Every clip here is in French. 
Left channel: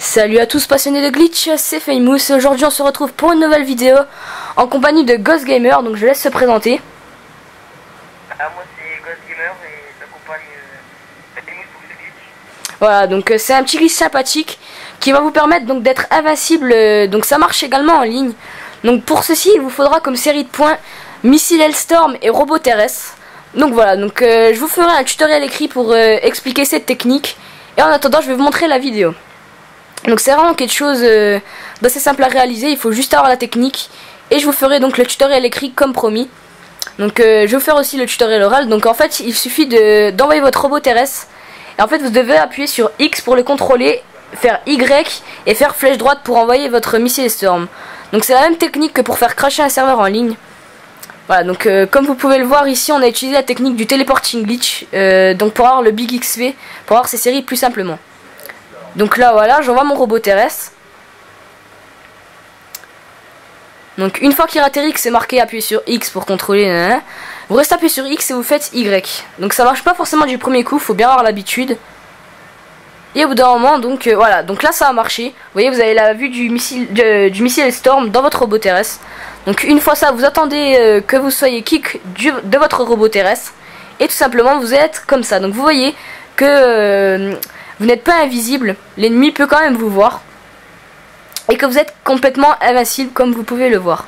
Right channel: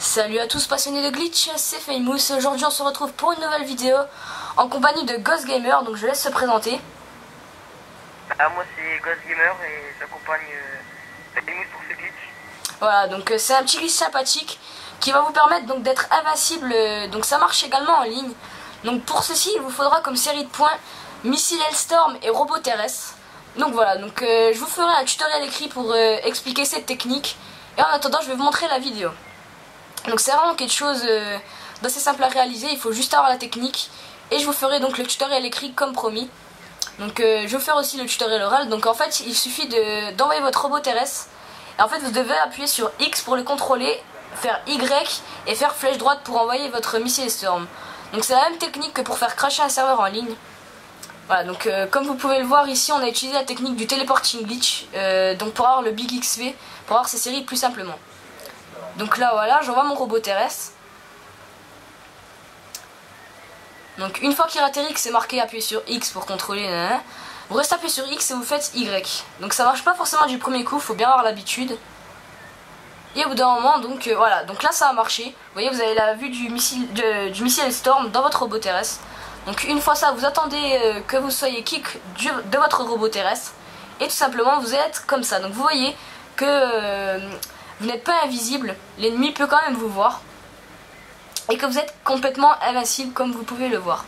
Salut à tous passionnés de glitch, c'est Famous. Aujourd'hui on se retrouve pour une nouvelle vidéo en compagnie de Ghost Gamer, donc je laisse se présenter. Moi c'est Ghost Gamer et j'accompagne Famous pour ce glitch. Voilà, donc c'est un petit glitch sympathique qui va vous permettre donc d'être invincible, donc ça marche également en ligne. Donc pour ceci il vous faudra comme série de points Missile Hellstorm et Robot Terrestre. Donc voilà, donc je vous ferai un tutoriel écrit pour expliquer cette technique. Et en attendant je vais vous montrer la vidéo. Donc c'est vraiment quelque chose d'assez simple à réaliser, il faut juste avoir la technique. Et je vous ferai donc le tutoriel écrit comme promis. Donc je vais vous faire aussi le tutoriel oral. Donc en fait il suffit d'envoyer votre robot terrestre. Et en fait vous devez appuyer sur X pour le contrôler, faire Y et faire flèche droite pour envoyer votre missile Storm. Donc c'est la même technique que pour faire crasher un serveur en ligne. Voilà, donc comme vous pouvez le voir ici on a utilisé la technique du teleporting glitch. Donc pour avoir le big XP, pour avoir ces séries plus simplement. Donc là voilà, j'envoie mon robot terrestre. Donc une fois qu'il atterrit, que c'est marqué appuyez sur X pour contrôler, vous restez appuyé sur X et vous faites Y. Donc ça marche pas forcément du premier coup, faut bien avoir l'habitude. Et au bout d'un moment, donc voilà, donc là ça a marché. Vous voyez, vous avez la vue du missile Storm dans votre robot terrestre. Donc une fois ça, vous attendez que vous soyez kick de votre robot terrestre. Et tout simplement vous êtes comme ça. Donc vous voyez que vous n'êtes pas invisible, l'ennemi peut quand même vous voir. Et que vous êtes complètement invincible comme vous pouvez le voir.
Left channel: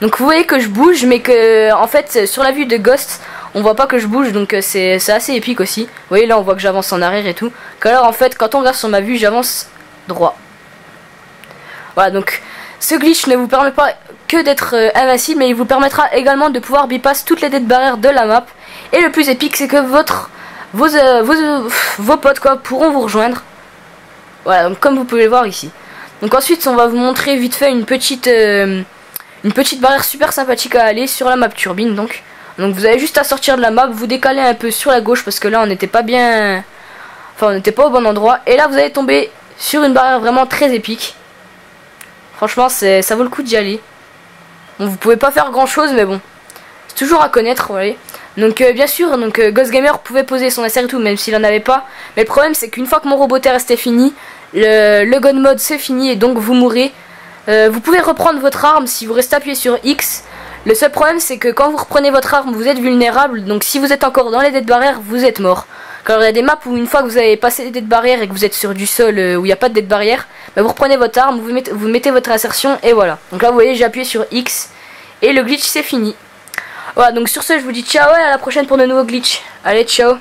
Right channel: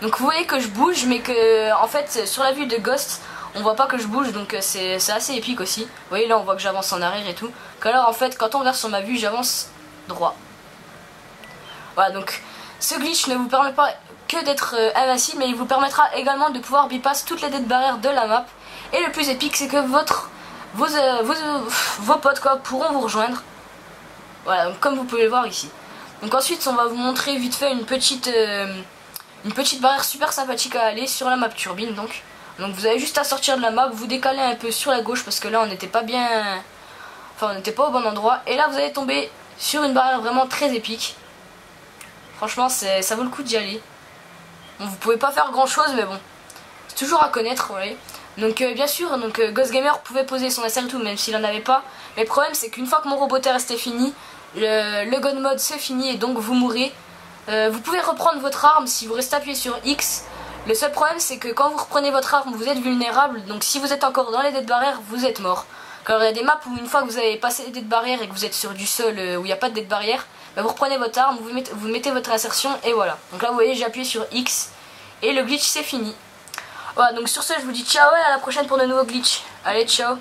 Donc vous voyez que je bouge mais que en fait sur la vue de Ghost on voit pas que je bouge, donc c'est assez épique aussi. Vous voyez là on voit que j'avance en arrière et tout. Alors en fait quand on regarde sur ma vue j'avance droit. Voilà, donc ce glitch ne vous permet pas que d'être invincible, mais il vous permettra également de pouvoir bypass toutes les dead barrières de la map. Et le plus épique c'est que vos potes quoi, pourront vous rejoindre. Voilà, donc comme vous pouvez le voir ici. Donc ensuite on va vous montrer vite fait une petite barrière super sympathique à aller sur la map turbine. Donc vous avez juste à sortir de la map, vous décaler un peu sur la gauche parce que là on n'était pas bien, enfin on n'était pas au bon endroit. Et là vous allez tomber sur une barrière vraiment très épique. Franchement ça vaut le coup d'y aller. Bon, vous pouvez pas faire grand chose mais bon, c'est toujours à connaître, vous voyez. Donc bien sûr, donc Ghost Gamer pouvait poser son SR et tout même s'il en avait pas. Mais le problème c'est qu'une fois que mon robot terrestre est fini, le gun mode c'est fini et donc vous mourrez. Vous pouvez reprendre votre arme si vous restez appuyé sur X. Le seul problème c'est que quand vous reprenez votre arme vous êtes vulnérable. Donc si vous êtes encore dans les dead barrières vous êtes mort. Car il y a des maps où une fois que vous avez passé les dead barrières et que vous êtes sur du sol où il n'y a pas de dead barrière, bah, vous reprenez votre arme, vous mettez votre insertion et voilà. Donc là vous voyez j'ai appuyé sur X et le glitch c'est fini. Voilà, donc sur ce je vous dis ciao et à la prochaine pour de nouveaux glitch. Allez, ciao.